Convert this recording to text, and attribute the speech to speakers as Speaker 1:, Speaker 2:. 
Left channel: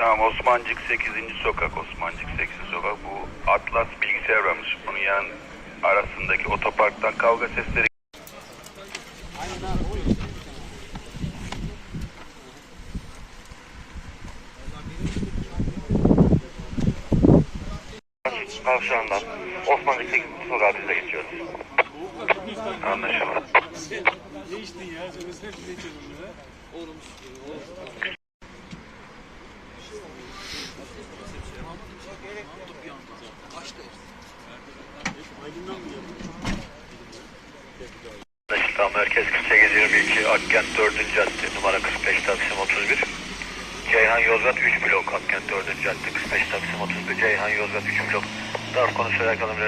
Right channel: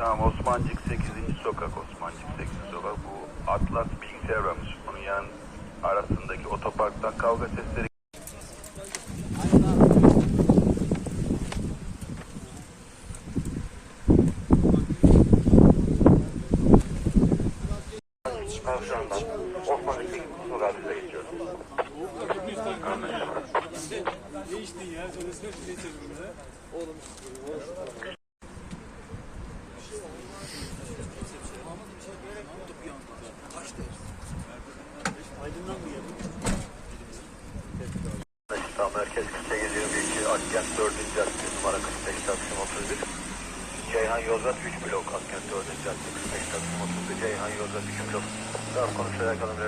Speaker 1: Tamam Osmancık 8. sokak Osmancık 8. sokak bu Atlas bilgisayar varmış. Bunun yan arasındaki otoparktan kavga sesleri
Speaker 2: Kavşağından Osmanlı 8. sokağa bize geçiyoruz.
Speaker 1: anlaşıldı.
Speaker 2: İstanbul Merkez 4822 Akkent 4. Cadde numara 45 Taksim 31. Ceyhan Yozgat 3 blok Akkent 4. Cadde 45 Taksim 31 Ceyhan Yozgat 3 blok. Darp konusuyla alakalı bir